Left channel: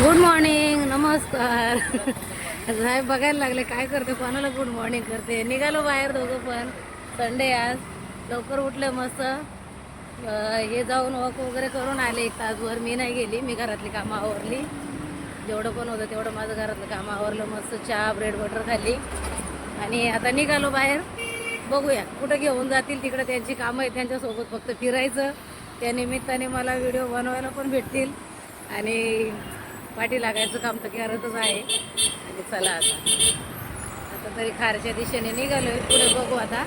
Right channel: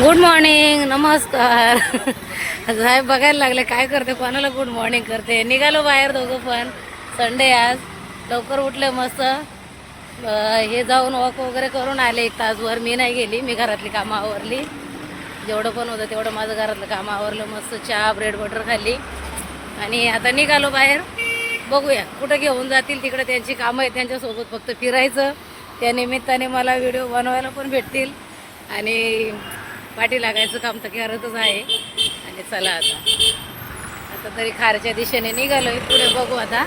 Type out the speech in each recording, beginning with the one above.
Good morning, नमस्कार. साहेब बघायला लागले काय करते, कोणाला गुड मॉर्निंग करते. निघालो बाहेर दोघं पण. संडे आज लवकर उठले मस्त. हे जाऊन वॉक वगैरे करून आले 1 तासभर. मी नाही गेली, मी घरातली कामं आवरली. जेवढं पण होतं तेवढं माझं घरातलं कामं आवरलं. मस्त चहा ब्रेड बटर खाल्ली आणि आता निघालो बाहेर. बघूया कुठं घेऊन जातील, तिकडे त्यांची कामं आहेत, त्यांच्यासोबत फक्त फिरायचं. त्या निमित्ताने मला व्हिडिओ बनवायला पण भेटतील आणि पाठी लागायचं काम तर करतच आहे. आणि चला आता तरी खारच्या दिशेने निघालोय, पुढे बघू आता.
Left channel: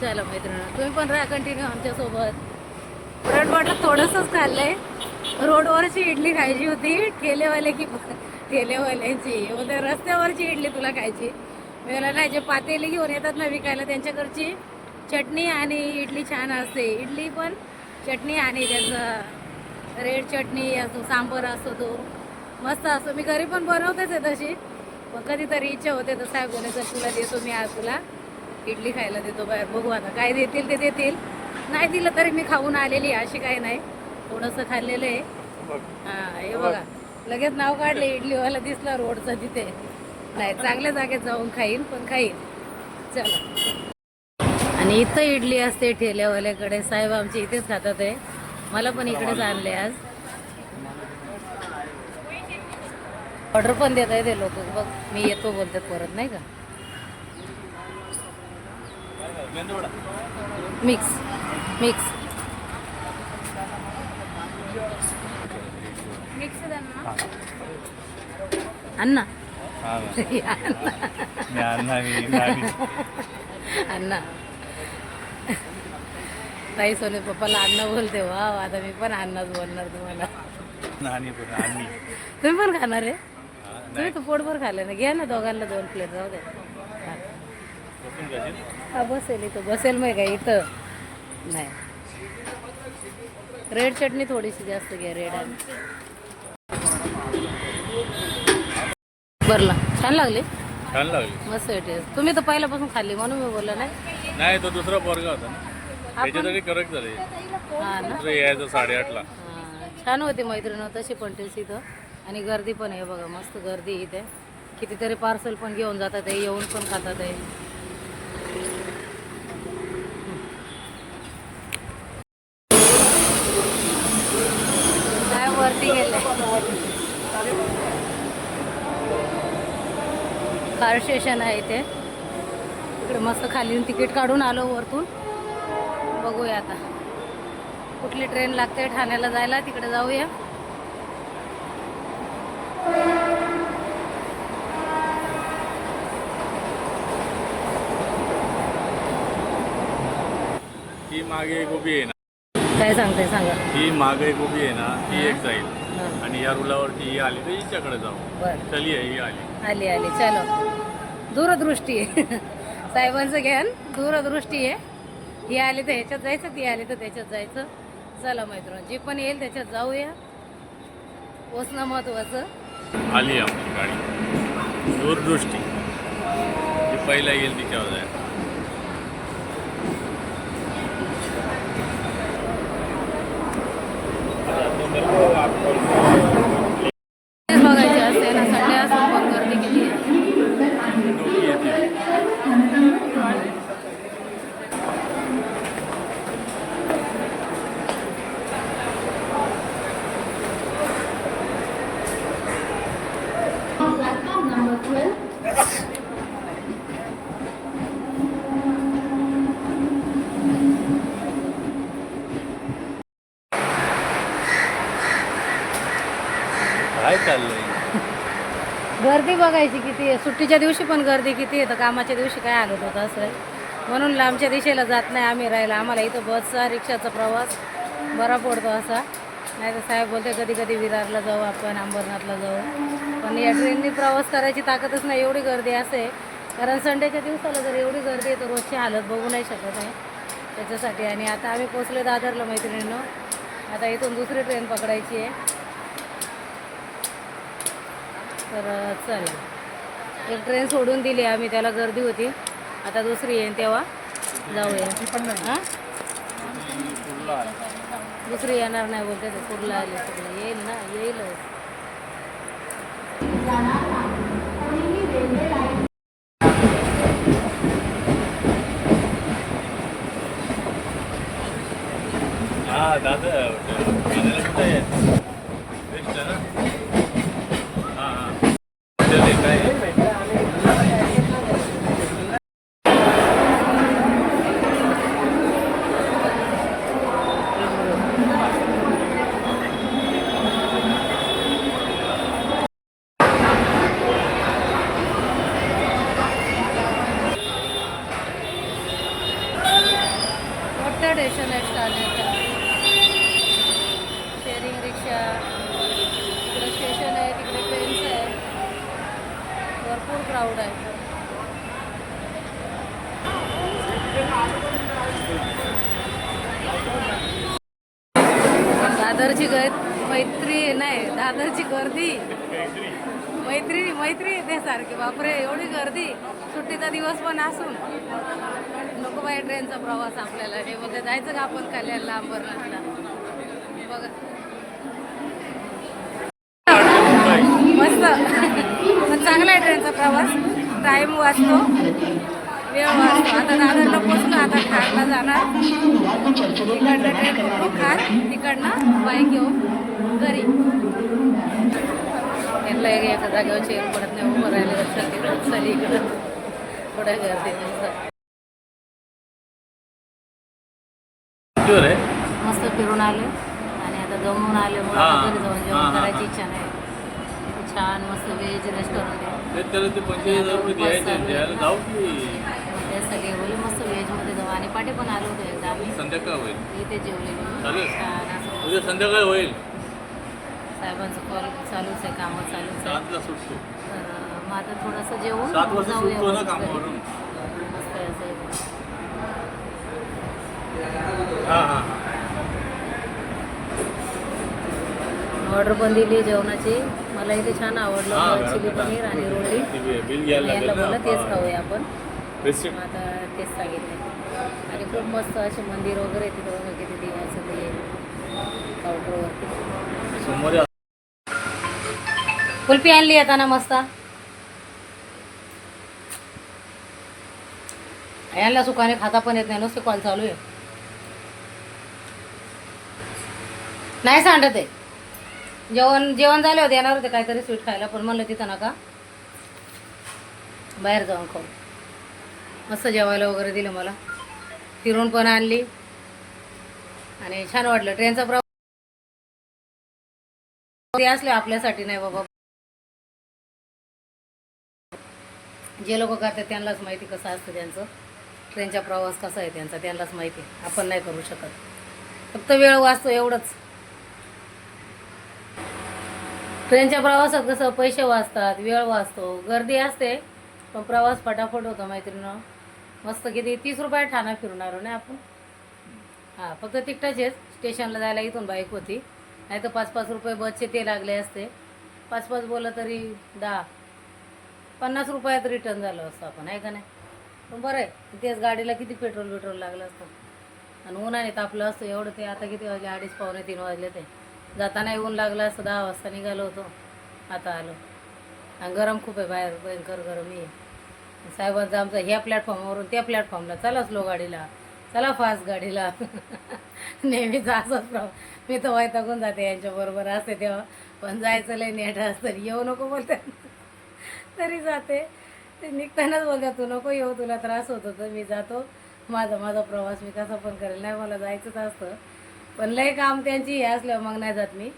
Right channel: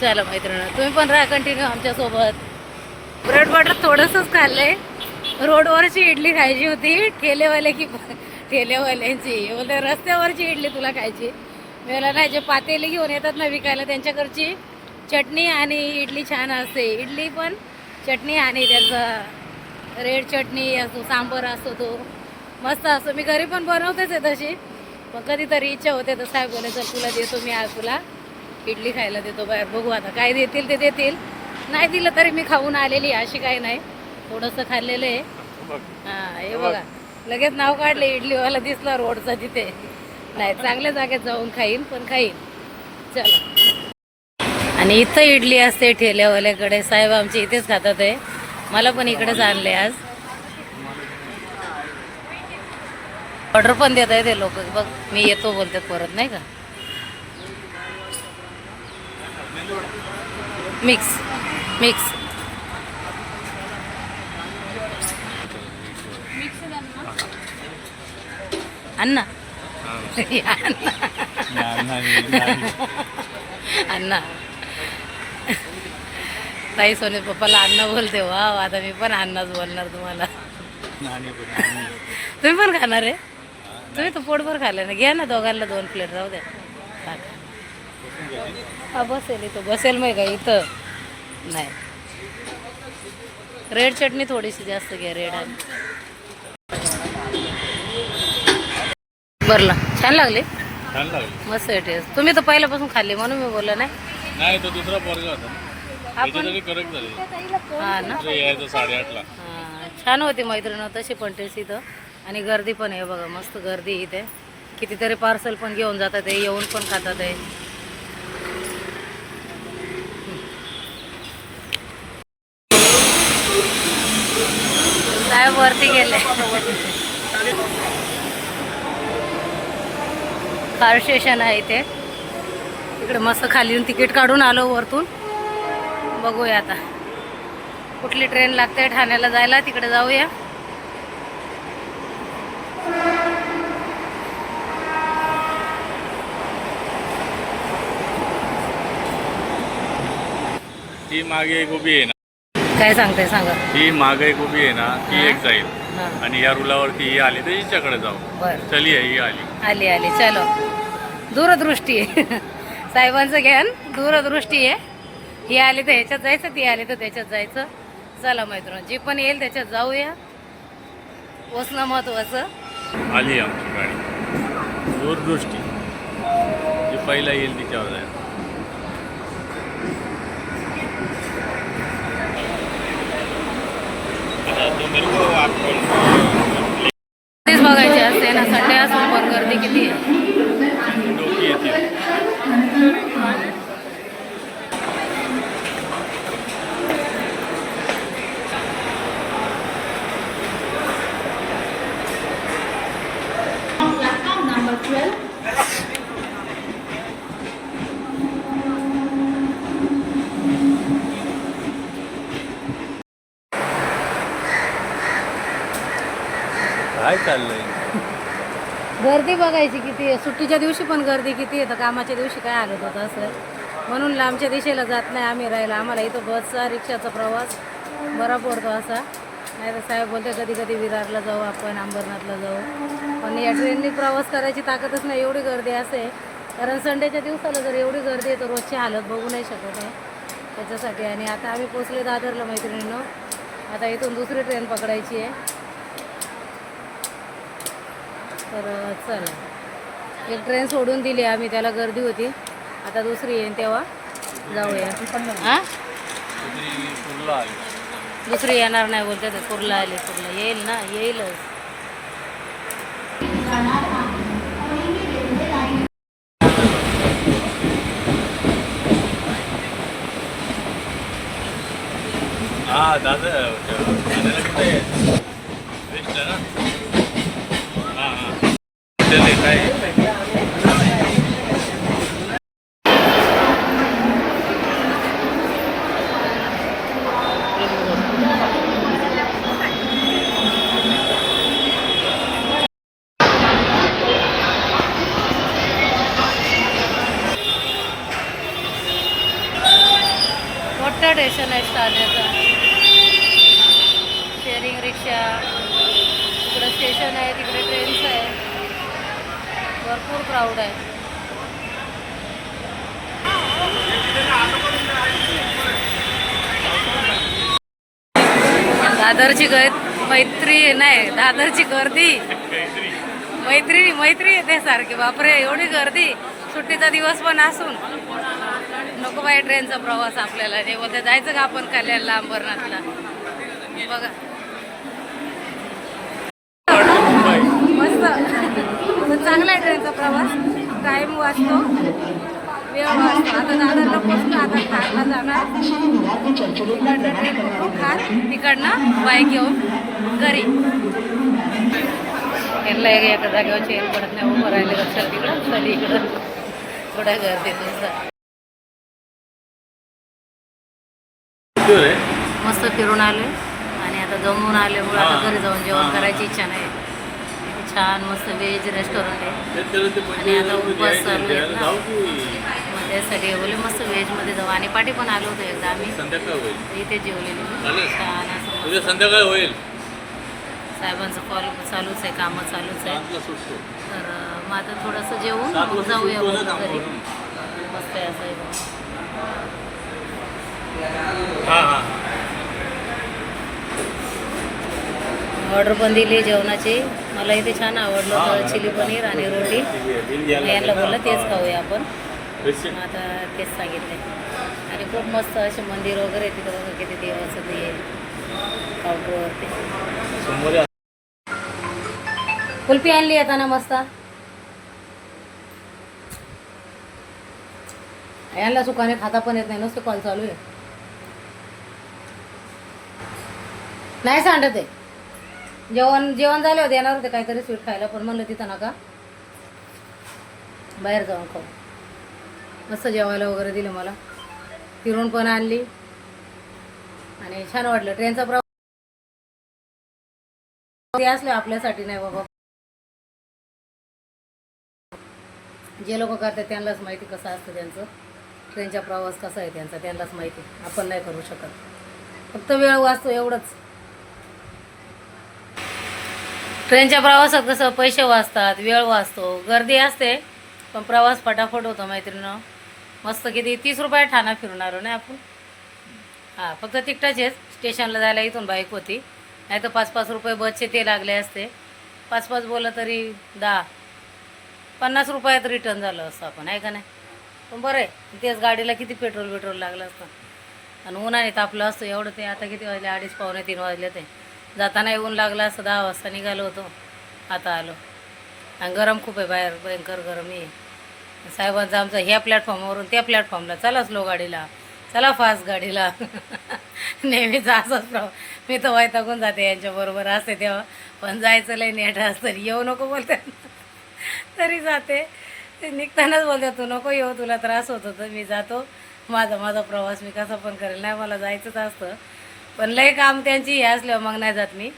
चला मैत्रिणी, तुम्ही पण राहा कंटिन्यू आमच्यासोबत. ब्रेड बटर थोडंसंच खाल्लंय. रोडवरची इडली खायची होती, ठेलेवाल्यांची बोलते रस्त्यावरची इडली तुला खायची. मला नाही, जे पातेली घेऊन येतात ना विकायला, त्यांच्याकडची चटणी आणि इडली छान असते. इडली पण चटणी आणि त्याचं रेड चटणी असतो, सांबर असतो, तो मस्त असतो. मी घरी पण बनवतेच आहे तशी, पण कधीतरी इच्छा होते तर साहेब बोले चल तुला देतो मी, आज तुला इडली खायला देतो बाहेर. बघू आता काय देतील ते देतील. नाही दिलं तरी मी खाऊन आलेली, अशी काही नाही. थोडंसं खाल्लेलं आहे. हां, हे बघा लगेच नाव काढले. इडलीवाला दिसला रोडचा तिथे. नाही, चांगल्या जागेत जाऊन खाईन, पण खाईन. चला. आणि इथं इडली असते ठेल्यावाल्याकडे. साहेब आमचे इथेच खातात आहे. मला पण इकडेच आणले आज. ऑर्डर पण देत आहे ते लोक. बघ मी येतो बोलतात परत, नाही का. मिक्स मिक्स अण्णा अण्णा ताई सोने पप्पाला अण्णा बोलते. वा, आता मी पण अण्णाच बोलणार तुम्हाला. तुम्ही पण खाणार आहे? तुम्ही तर पोटभर खाल्लं ना. घ्या ना दोघांना 2 प्लेट. जाऊ द्या. हा बसेल इथं, बसेल मग का इथं. नाही, रेड चटणी थोडीशी जास्त घ्या, रेड. आणि बरला छान लागले, मस्त आहे टेस्ट. तुम्ही तर पहिल्यापासून खाल्ली म्हणून मी बोललो. नाही तो दुसरा पोरगा होता ना, करेक्ट झाले. हा ना, यायचं 8:30ला. छान होती मैत्रीण तशी पण टेस्ट इथं. आणि गर्दी पण आहे बघा, मस्त गर्दी इथे. कितीतरी पार्सल पण घेऊन जातात आहे, येऊन पण खातात आहे. साहेब वरती गेले. कार स्टेशन आहे इथे. इकडे मस्त खाली तिकीट काढून आलो वरतून. बघूया आता कुठली ट्रेन लागते ठाण्याला जायला, तिकडे जाऊया. ती मागे एक उभी आहे ना. काय सांगते सांगा. ही मागे एक उभी आहे ना, ती एक जाईल. आणि या रुलावरती ही आली तर हिच्याकडे जाऊ. बरं, चली ही आली. आली चलो. दूरदृष्टी आहे साहेबांचं ज्ञान, दूरदृष्टी आहे. ही आली तर ह्याच्यात जायचं, ती आली तर त्याच्यात जायचं. चला मैत्रिणी, जी पण येईल त्याच्यात जाऊया. पोचणं महत्वाचं. आली आमची गाडी दूरदृष्टी. जी पहिला येईल तिच्यावर जायचं. तेच बघायचे असते ना, संडे असून पण गर्दी किती आहे. काय चाललंय? गर्दी बघायची किती आहे. सुट्टीच्या दिवशी पण गर्दी किती आहे, तर कामाच्या दिवशी काय हालत होतं असं. म्हणून लांबच्या दिशेला जात नाही आम्ही राहायला. आम्हाला इथं बसचा रिक्षाचा प्रवास बरा पडतो असा. नाही तर साहेब बोलते कधी कधी विरारला जाऊ आपण, अंबरनाथला जाऊ. पण या ट्रेननी प्रवास करायची ताकदच नाही, एवढी गर्दी असते. कारण संडेच्या दिवसाला जर एवढी गर्दी आहे तर रोजची हालत बघू नाही शकत आहे त्याच्यासाठी. आणि आता आम्ही पोचलो दादरला मैत्रिणींनो. आता इथून दुसरी ट्रेन पकडायची आहे. तर चला, एक ट्रेन सोडून दिली आम्ही, त्याला गर्दी होती. आता दुसरी येईन तेव्हा जाऊया. हां दुसरी येणार नाही बोलते ते. कुर्ला आले, कुर्ला येईल ना, येईलच. हा दादा ठाण्याला कुठे आहे? बेस्टला ना. हां हां हॉटेल आहे काय? मोठं स्टेशन आहे ठाण्याचा. शेअरिंग रिक्षा, तिकडे स्टेशन आहे, तिकडे ट्रेन्स आहे. भरपूर क्राऊड आहे. दादरची मैत्री नाही, दादरची गर्दी. मैत्री येते सारखी. बापरे, एवढी गर्दी. सुट्टीचा दिवस पण असून नको बाई ट्रेनचा प्रवास आपल्याला. जे बोलते जायचं का आपण कल्याणला, अंबरनाथला. बघा मुंबई मस्त, पण चांगला आहे ट्रेनचा प्रवास. टाईम वाचतो, वेळ वाचतो. आता दादरला पोचलो, आता खारला जाणार. तिकडनं ट्रेन पकडू खार, तिकडनं बाईक घेऊन घरी. यांना एका जागेवर चेन पडत नाही, उभं राहिले लक्षात. तिकडं चली इकडं थोड्या गर्दीत नुसतं. मस्त फिरून आले आणि आता जमून आल्यामुळे आता घरी जाऊन जेवण करायची इच्छा नाही. छान मस्त व्हेज रेस्टॉरंट आहे आणि आता उपवास चालू आहेत ना, मग त्यासाठी बोले मस्त व्हेजमध्ये जाऊ. आणि पाठी पण आलो होतो एकदा आम्ही, इथे जेवलेलो छान असं. संध्याकाळ होईल. साहेबांचं कॉल चालूच आहे, कामं चालूच आहे. तर मग आता थोडंसं जेवून जाऊया घरी. मस्त आहे असं. ऑर्डर पण दिली जेवणाची. मला इथे छान आवडलं होतं चिली पनीर आणि रोटी. यांना बोललं तेच खाऊया आपण. आता तेच सांगितले. आणि खूप मस्त असे मंदिर वगैरे तिथं बघा, किती देवाचं ते काउंटरवरती. कुल्फी आणली येताना मस्त. यांना सुखाने खाता पण येत नाही, नुसतं कॉल चालू आहे. नाही सांडत आहे. जेवण झाले होते, येणार होते काहीतरी स्वीट खायला, पण म्हणलं तिथं नका, बाहेर जाऊन खाऊ. मस्त जेवायला वगैरे दिलं मला. फिरून पण आणली आणि छान वाटलं. ट्रेनचा प्रवास असले आपल्यासाठी नाही बाबा. जे लोक करतात त्यांनाच माहिती कसं असतं त्यांचं. ट्रेनचा प्रवास कसा आहे त्यांचा त्यांनाच माहिती. आपण नाही करू शकत. फक्त वेळ वाचतो एवढंच. ट्रेनच्या प्रवासात कसं पैसे वाचतात, वेळ वाचतो, गर्दी असते, पण प्रवास फटाफट होतो मैत्रिणीनं. मस्त किती 30 रुपये ठाणा फिरून आलो नाही आपण. हां, फक्त तिकटाचेच. स्टेशनला जायला इथून बाईक होती, नाही तर 5-5 रुपये बसचे ते लागले असते. 5-5 बोललं तरी 10-50 रुपयात रिटर्न झालं असतं आपण, आहे का नाही. पण बरं आहे, तेच गाडीला किती पेट्रोल लागलं असतं. आणि उन्हाने तापलं असतं एवढं. ते आता किती वाजले, 2:30-3 वाजले. ते जाताना ऊन लागलं असतं. 10 वाजता निघालो होतो, आता आलो. आणि गरम खूप आहे बाहेर, भयंकर गरम आहे. साहेबांचं आमचं ह्या प्लॅटफॉर्मवरून त्या प्लॅटफॉर्मला, चला स्लो गाडीला, चला फास्ट गाडीला. नेहमीचा असाच प्रॉब्लेम. मी तर वैतागून जाते, यांच्याबरोबर असते तेव्हा. पण जायचं लय नेट असतं. येऊ नको बोलते तरी जाते. ते निघतानाच बोलते तू नको येऊ, तुला त्रास होत होतं. मी जातो, माझा प्रवास मी कसा पण करेल. नाही, मला जायचंच असतं, पण लय काम त्यांची हे असल्यावर मग नाही जात मी.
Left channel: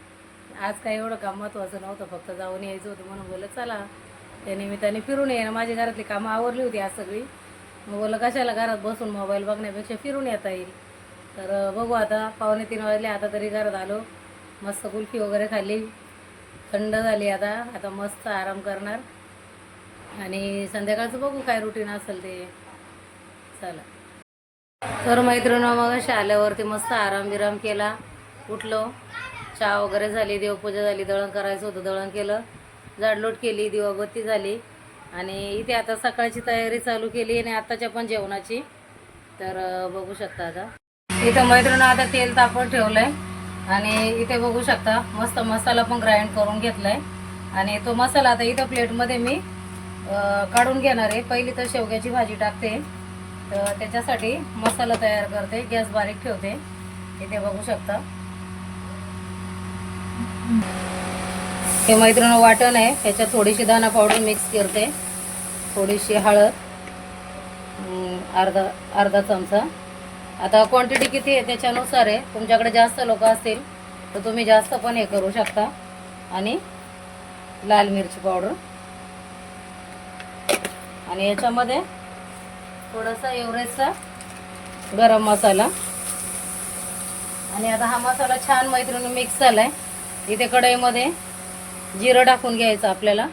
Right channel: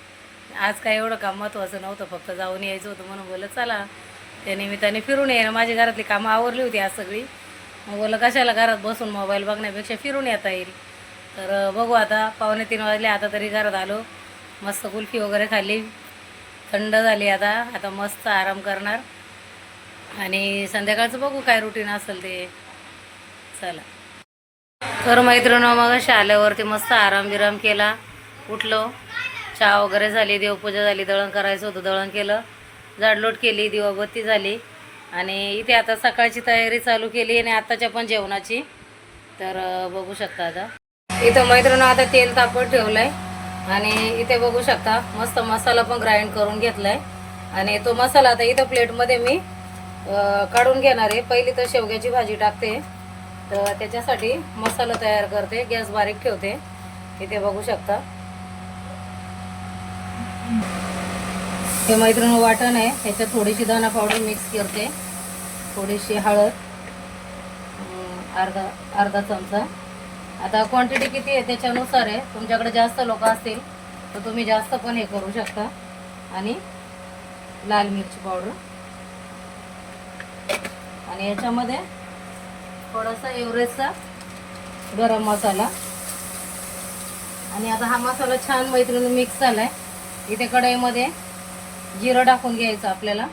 आज काय एवढं काम महत्त्वाचं नव्हतं, फक्त जाऊन यायचं होतं म्हणून बोललं चला त्या निमित्ताने फिरून ये. माझी घरातली कामं आवरली होती आज सगळी. मग बोललं कशाला घरात बसून मोबाईल बघण्यापेक्षा फिरून येता येईल. तर बघू आता 2:45 वाजले, आता तरी घरात आलो. मस्त कुल्फी वगैरे खाल्ली, थंड झाली. आता मस्त आराम करणार आणि संध्याकाळचं बघू काय रुटीन असेल ते. चला. तर मैत्रिणी मग अशा आल्यावरती मस्त आराम बिराम केला. उठलो, चहा वगैरे झाली, देवपूजा झाली, दळण करायचं होतं दळण केलं, झाडलोट केली, दिवाबत्ती झाली. आणि इथे आता सकाळची तयारी चालू केली आणि आत्ताच्या पण जेवणाची. तर बघू शकता आता इथं मैत्रिणी आता तेल तापत ठेवलं आहे आणि इथे बघू शकता मस्त मसाला पण ग्राइंड करून घेतलाय. आणि तो मसाला आता इथं प्लेटमध्ये मी काढून घेणार आहे. पहिली तर शेवग्याची भाजी टाकते, तर त्याच्यासाठी मसाला तयार करते. गॅस बारीक ठेवते. इथे बघू शकता हे मैत्रिणी वाटण आहे. त्याच्यात थोडीशी दाणा पावडर मिक्स करते, थोडीशी हळद, अर्धा चमचा. आता क्वांटिटी किती आहे त्याच्यानुसार आहे. तुमच्याकडे जास्त लोक असतील तर तुम्ही जास्त पण हे करू शकता. आणि लाल मिरची पावडर, आणि याच्यामध्ये थोडासा एव्हरेस्टचा गरम मसाला. आणि आता हा मसाला छान मैत्रिणी मिक्स झालाय. इथे कढईमध्ये जिरं टाकून घ्यायचं आपल्याला.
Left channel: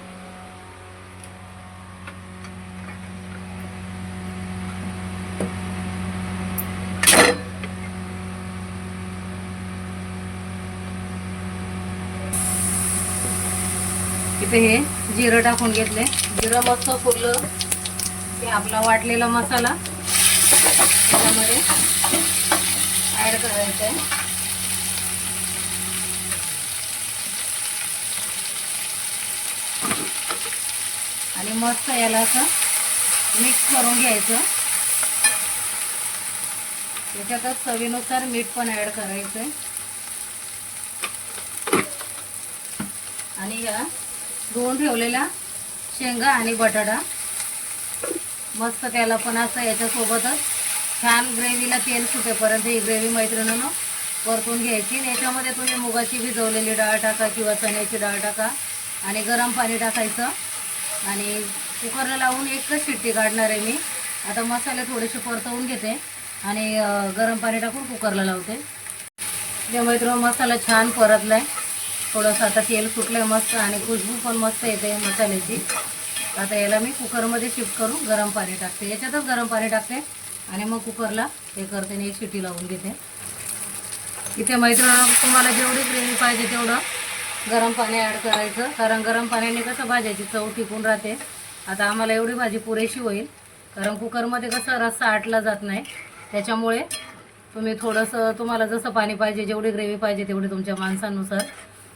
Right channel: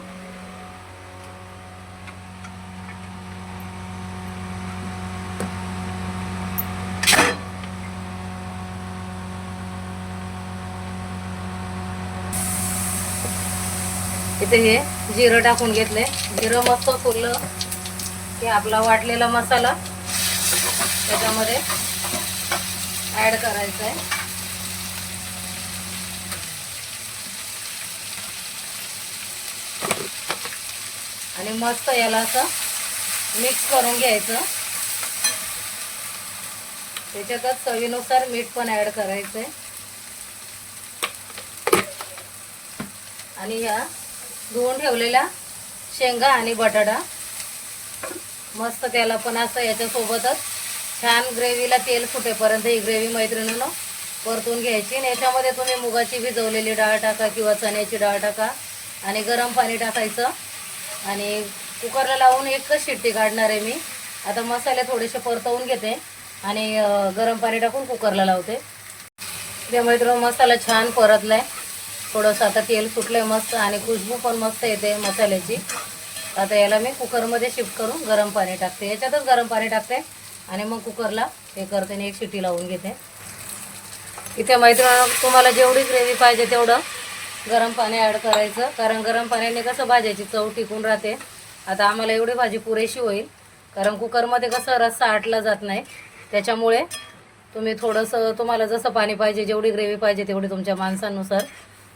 इथे हे जिरं टाकून घेतले. जिरं मस्त फुललं की आपला वाटलेला मसाला त्याच्यामध्ये ऍड करायचा आहे. आणि मस्त याला असं मिक्स करून घ्यायचं. त्याच्यातच चवीनुसार मीठ पण ऍड करायचंय. आणि ह्या धुवून ठेवलेल्या शेंगा आणि बटाटा मस्त त्याला पण असं याच्यासोबतच छान ग्रेव्हीला तेल फुटेपर्यंत ही ग्रेव्ही मैत्रिणीनं परतून घ्यायची. आणि याच्यामध्ये तुम्ही मुगाची भिजवलेली डाळ टाका किंवा चण्याची डाळ टाका आणि गरम पाणी टाकायचं. आणि कुकरला लावून एकच शिट्टी काढणार आहे मी. आता मसाले थोडेसे परतवून घेते आणि गरम पाणी टाकून कुकरला लावते. त्यामुळे तो मसाला छान परतलाय. थोडंसं आता तेल फुटलंय मस्त आणि खुशबू पण मस्त येते मसाल्याची. आता याला मी कुकरमध्ये शिफ्ट करून गरम पाणी टाकते. याच्यातच गरम पाणी टाकते आणि मग कुकरला हे करते आणि एक शिट्टी लावून घेते. इथे मैत्रिणी तुम्हाला जेवढी ग्रेव्ही पाहिजे तेवढं गरम पाणी ॲड करायचं, कारण गरम पाण्याने कसं भाज्याची चव टिकून राहते. आता आम्हाला एवढी भाजी पुरेशी होईल, कारण कुकरमध्ये कसं रस्सा आटला जात नाही. त्याच्यामुळे तुम्ही थोडंसं तुम्हाला जसं पाणी पाहिजे, जेवढी ग्रेव्ही पाहिजे तेवढी तुमच्या माणसांनुसार,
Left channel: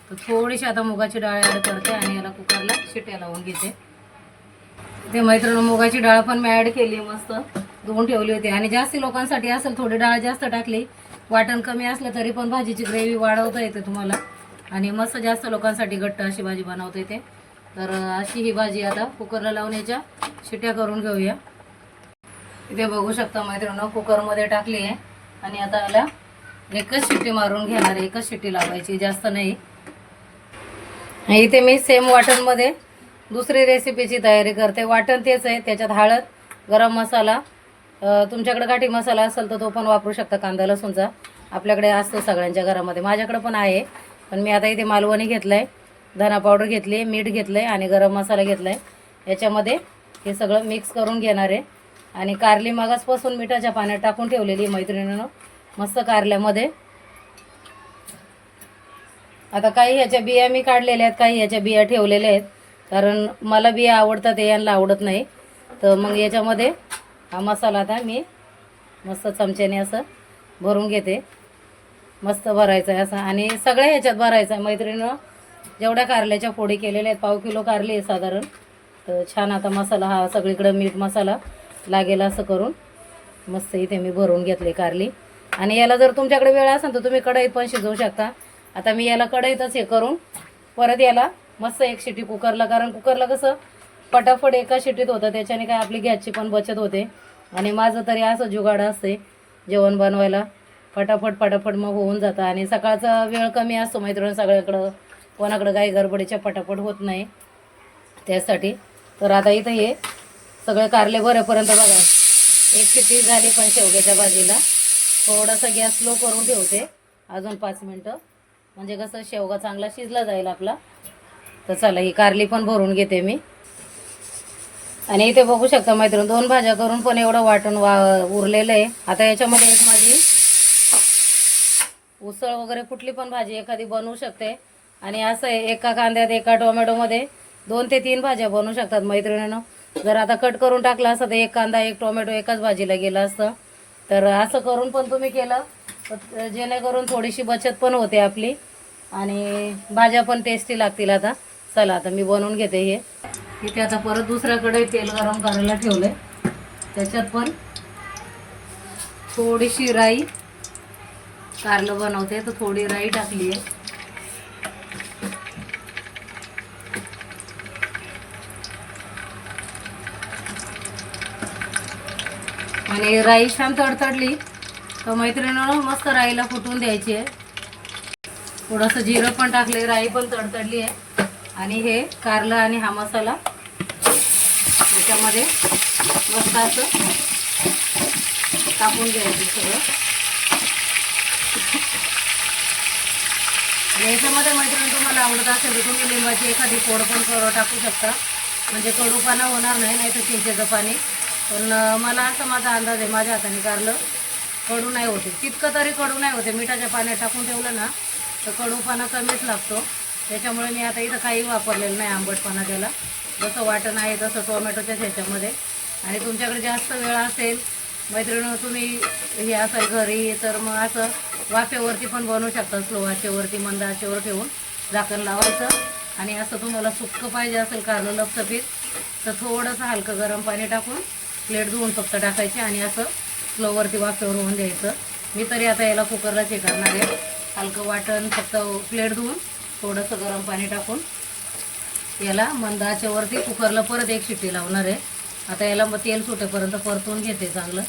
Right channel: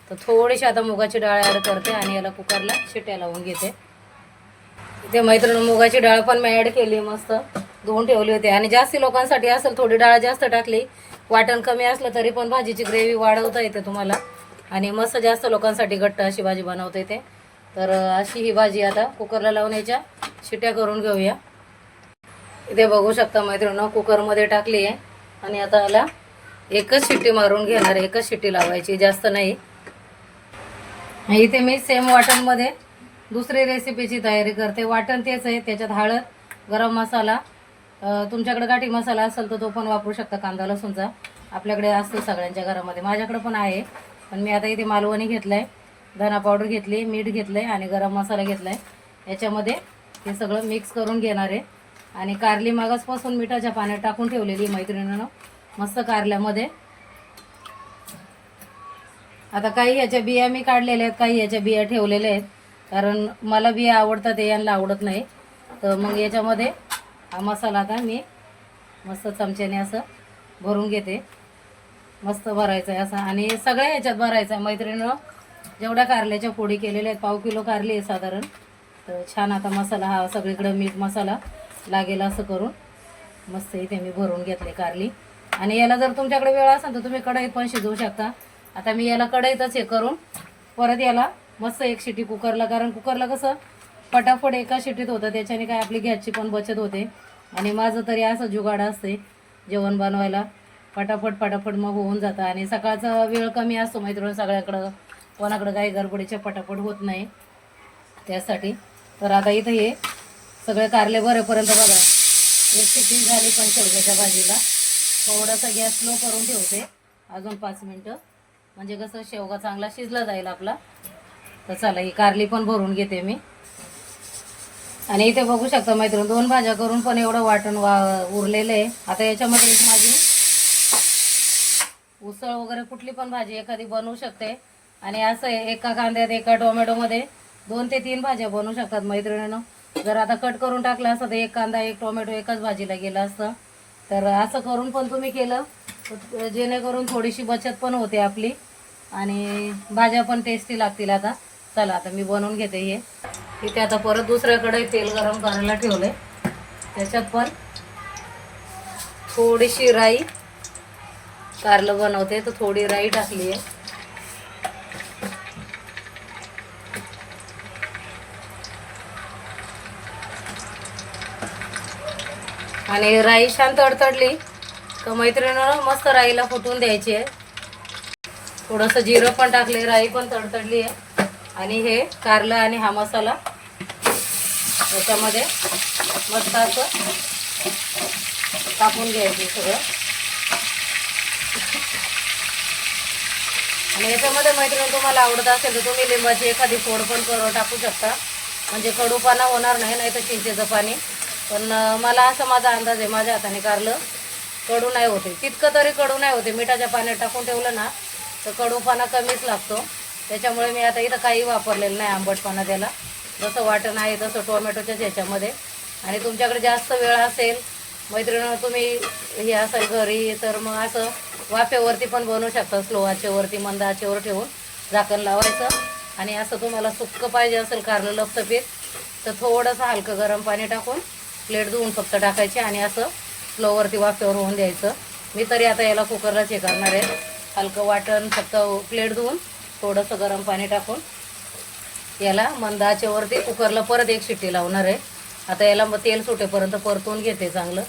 तर थोडीशी आता मुगाची डाळ ॲड करते आणि याला कुकरला शिट्या लावून घेते. ते मैत्रिणी मुगाची डाळ पण मी ॲड केली, मस्त धुवून ठेवली होती. आणि जास्त लोकांसाठी असेल थोडी डाळ जास्त टाकली, वाटण कमी असलं तरी पण भाजीची ग्रेव्ही वाढवता येते तुम्हाला. आणि मस्त जास्त लोकांसाठी घट्ट अशी भाजी बनवता येते. तर अशी ही भाजी आता कुकरला लावून याच्या शिट्या करून घेऊया. इथे बघू शकता मैत्रिणी कुकरमध्ये टाकली आहे आणि आता याला एकच शिट्टी मारून घेणार आहे. एकच शिट्टी लावायची, जास्त नाही. इथे मी सेम वाटणमध्ये दुसरी रेसिपीची तयारी करते. वाटण तेच आहे, त्याच्यात हळद, गरम मसाला, तुमच्याकडे गाठी मसाला असेल तर तो पण वापरू शकता. कांदा लसूणचा आपल्याकडे असतो सगळ्यांच्या घरामध्ये, माझ्याकडे पण आहे. पण मी आता इथे मालवणी घेतलंय, धना पावडर घेतली, मीठ घेतलंय आणि गरम मसाला घेतलाय. याच्यामध्ये हे सगळं मिक्स करून घेणार आहे. आणि कारली मगासपासून मिठाच्या पाण्यात टाकून ठेवलेली मैत्रिणीनं मस्त कारल्यामध्ये. आता काही ह्याच्या बिया मी काढलेल्या आहेत, काही ह्याच्या बिया ठेवलेल्या आहेत, कारण मला बिया आवडतात, यांना आवडत नाही. तर मग याच्यामध्ये हा मसाला आता मी मस्त चमच्याने असं भरून घेते. मस्त भरायचं आहे असं, आणि सगळ्या ह्याच्यात भरायचं आहे मैत्रिणीनं. जेवढ्या कारल्याच्या फोडी केलेल्या आहेत, पाव किलो कारली आहे साधारण. तर छान आता मसाला हा सगळीकडं मीठ मसाला लागेल असं करून मस्त इथे मी भरून घेतले कारली. आणि याला जर तुमच्याकडे वेळ असेल तर तुम्ही कढईत पण शिजवू शकता. आता मी याला कढईतच हे करून परत याला मस्त एक शिटी कुकरला, कारण कुकरला कसं पटापट एका शिटीत होतं, त्याच्याने काय आपली गॅसची पण बचत होते. आणि माझं तरी असं जुगाड असते जेवण बनवायला, पटापट मग होऊन जातं. आणि सकाळचा वेळ कमी असतो मैत्रिणी सगळ्याकडं, कोणाकडं काही गडबडीच्या पटापट होत नाही त्यासाठी. तर आता इथं हे सगळे कारले भरेपर्यंत बघा एक शिट्टी झाली पण शेवग्याच्या भाजीला. थोडासा गॅस स्लो करून ठेवते अजून 5 मिनटं, म्हणजे कसं शेवगा चांगला शिजला जाईल आपला. तर चला ही कारली पण भरून घेते मी. आणि इथे बघू शकता मैत्रिणी 2 भाज्या करून पण एवढं वाटण उरलेलं आहे. आता याच्यामध्ये एक माझी उसळ वगैरे कुठली पण भाजी एखादी बनवू शकते. आणि असं आहे, एका कांद्यात एका टोमॅटोमध्ये 2 ते 3 भाज्या बनवू शकतात मैत्रिणीनं. जर आता कट करून टाकलं असतं तर एक कांदा एक टोमॅटो एकाच भाजीला गेलं असतं. तर असं करून पण तुम्ही केलं तर जेणेकरून थोडीशी बचत पण होते आपली आणि भाज्या पण टेस्टी लागतील. आता चला आता मी बनवून घेते हे. इथे आता परत दुसऱ्याकडे तेल गरम करायला ठेवलंय. त्याच्यात पण थोडीशी राई, कारलं बनवते तर थोडी राई टाकली आहे. आणि राई छान तडतडली तर मैत्रिणीनं मस्त राईला फुटून द्यायची आहे. थोडंसं जिरं पण टाकले, राई पण तडतडली आहे. आणि हे कारलं आणि हा मसाला याच्यामध्ये मस्त असं टाकून घ्यायचं सगळं. आणि याच्यामध्ये मैत्रिणी तुम्हाला आवडत असेल तर तुम्ही लिंबाची एखादी फोड पण टाकू शकता, म्हणजे कडूपणा होणार नाही, नाही तर चिंचेचं पाणी. पण मला असं माझा अंदाज आहे, माझ्या हाताने कारलं कडू नाही होते, तितकं तरी कडू नाही होते. मिठाच्या पाण्यात टाकून ठेवलं ना तर कडूपणा कमीच लागतो. त्याच्यामुळे मी आता इथं काही वापरलेलं नाही आंबटपणा त्याला. जसं वाटण आहे तसं टोमॅटोच्याच ह्याच्यामध्ये. आणि तुमच्याकडे जास्त वेळ असेल मैत्रिणीनं, तुम्ही हे असेल घरी, तर मग असं वाफेवरती पण बनवू शकता. स्लो आचेवरती, मंद आचेवर ठेवून झाकण लावायचं. आणि असं तुम्हाला सुक्कं पाहिजे असेल कारलं लपसपीत तर थोडंसं हलकं गरम पाणी टाकून प्लेट धुवून फक्त टाकायची आणि असं स्लोवरती वाफेवर होऊन द्यायचं. मी तरी आता याला कुकरलाच हे करणार आहे. हलकं वाटण फक्त प्लेट धुवून थोडंसं गरम पाणी टाकून याला मंद आचेवरती कुकरला परत एक शिट्टी लावणार आहे. आता याला मग तेल सुटेपर्यंत परतून घेते चांगलं.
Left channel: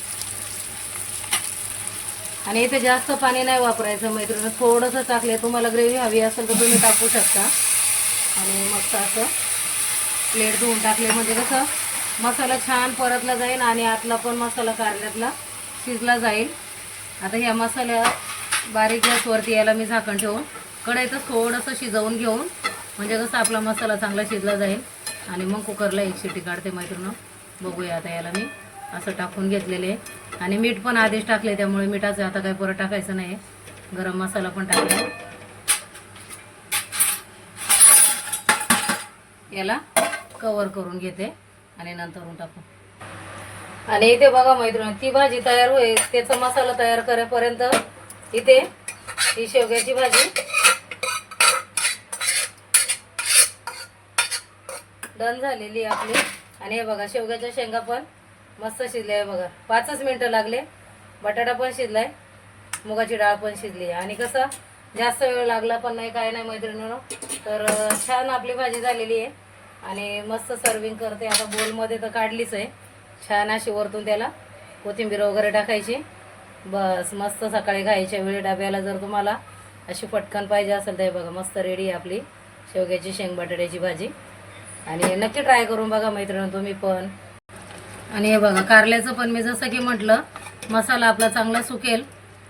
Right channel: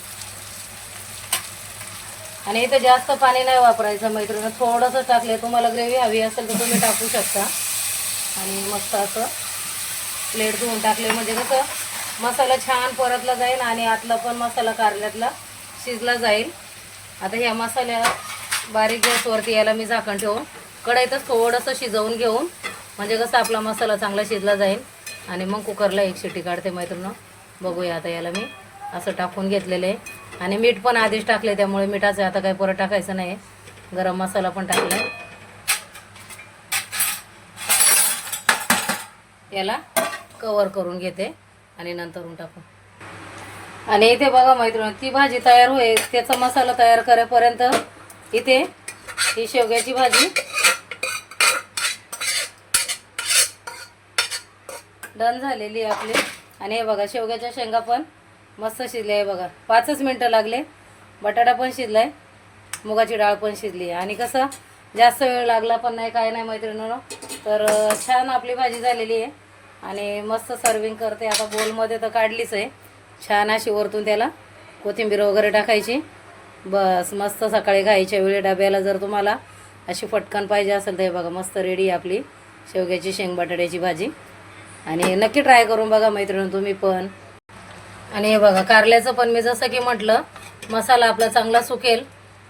आणि इथे जास्त पाणी नाही वापरायचं मैत्रिणी, थोडंसं टाकले. तुम्हाला ग्रेव्ही हवी असेल तर तुम्ही टाकू शकता. आणि मस्त असं प्लेट धुवून टाकले म्हणजे कसं मसाला छान परतला जाईल आणि आतला पण मसाला कारल्यातला शिजला जाईल. आता ह्या मसाल्या बारीक गॅसवरती याला मी झाकण ठेवून कढईतच थोडंसं शिजवून घेऊन म्हणजे कसं आपला मसाला चांगला शिजला जाईल. आणि मग कुकरला एक शिट्टी काढते मैत्रिणी. बघूया आता याला मी असं टाकून घेतलेलं आहे. आणि मीठ पण आधीच टाकले त्यामुळे मिठाचं आता काही परत टाकायचं नाही. गरम मसाला पण टाकले. याला कवर करून घेते आणि नंतरून टाकू. आणि इथे बघा मैत्रिणी, ती भाजी तयार होईल त्याचा मसाला तयार करेपर्यंत इथे ही शेवग्याची भाजी डन झालेली आहे आपली. आणि हे बघा शेवग्याच्या शेंगा पण मस्त शिजले आहे बघा. 5च मिनटं लागले. बटाटा पण शिजलाय, मुगाची डाळ पण शिजली आहे. आणि कसं जास्त वेळ लागला पण नाही, काय नाही मैत्रिणींनो. तर छान आपली भाजी झालेली आहे. आणि मस्त सर्विंग करते आता. बोलमध्ये तर काढलीच आहे. छान अशी वरतून त्याला कोथिंबीर वगैरे टाकायची. बस मस्त सकाळी खायच्या वेळी डब्याला जर तुम्हाला अशी पटकन पाहिजे असेल तर हे बघा मस्त रेडी आहे आपली शेवग्याची शेंग बटाट्याची भाजी. आणि नक्की ट्राय करून बघा मैत्रिणी तुम्ही पण. आणि हे बघा कारल्याचं पण मी जसं की म्हटलं मसाला आपला चांगला सुकेल.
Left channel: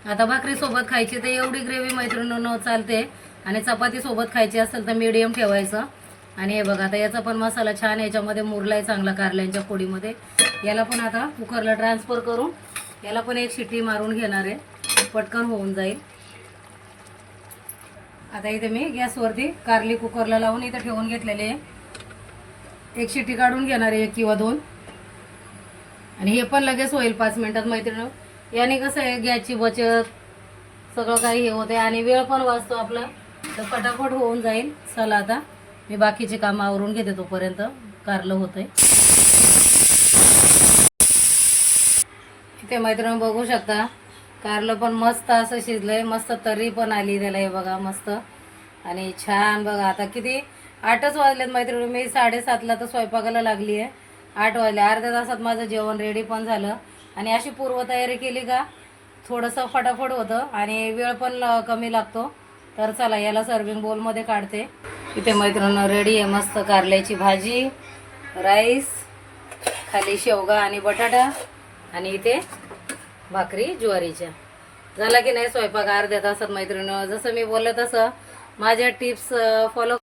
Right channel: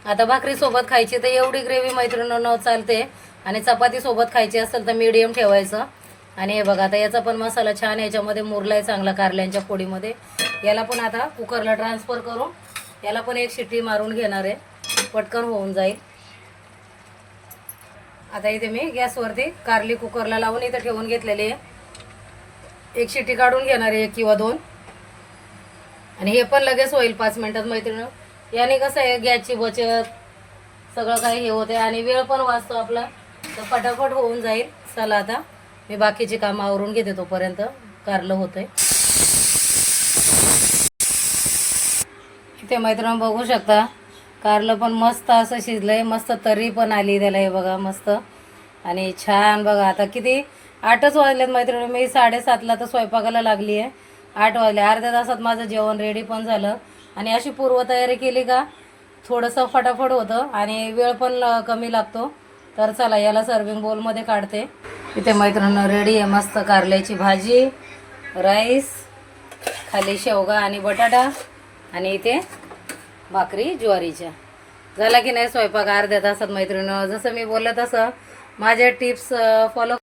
आता भाकरीसोबत खायची तर एवढी ग्रेव्ही मैत्रिणींनो चालते. आणि चपातीसोबत खायची असेल तर मीडियम ठेवायचं. आणि हे बघा आता याचा पण मसाला छान याच्यामध्ये मुरलाय चांगला कारल्यांच्या फोडीमध्ये. याला पण आता कुकरला ट्रान्सफर करून याला पण एक शिट्टी मारून घेणार आहे, पटकन होऊन जाईल. आता इथे मी गॅसवरती कारली कुकरला लावून इथे ठेवून घेतलेले आहे. एक शिट्टी काढून घेणार आहे, 1 किंवा 2. आणि हे पण लगेच होईल 5 मिनिटात मैत्रिणी. याने कसं आहे गॅसची बचत सगळं काही हे होते आणि वेळ पण वाचतो आपला, तर फटाफट होऊन जाईल. चला आता मी बाकीची कामं आवरून घेते तोपर्यंत कारलं होतंय. इथे मैत्रिणी बघू शकता कारलं पण मस्त असं शिजलंय, मस्त तर्री पण आली त्याला. हे बघा मस्त आणि छान. बघा आता किती 8च वाजलेत मैत्रिणी. मी 7:30ला तर स्वयंपाकाला लागली आहे. 8 वाजले. अर्ध्या तासात माझं जेवण रेडी पण झालं. आणि अशी पूर्वतयारी केली का थोडंसं फटाफट होतं आणि वेळ पण कमी लागतो. तर चला याला सर्विंग बोलमध्ये काढते. इथे मैत्रिणी रेडी आहे मस्त कारल्याची भाजी, राईस, खाली शेवगा आणि बटाटा आणि इथे भाकरी ज्वारीच्या. झाला की नाही स्वयंपाक अर्ध्या तासात मैत्रिणी. जसं मी बोललं तसं माझ्या टिप्स फॉलो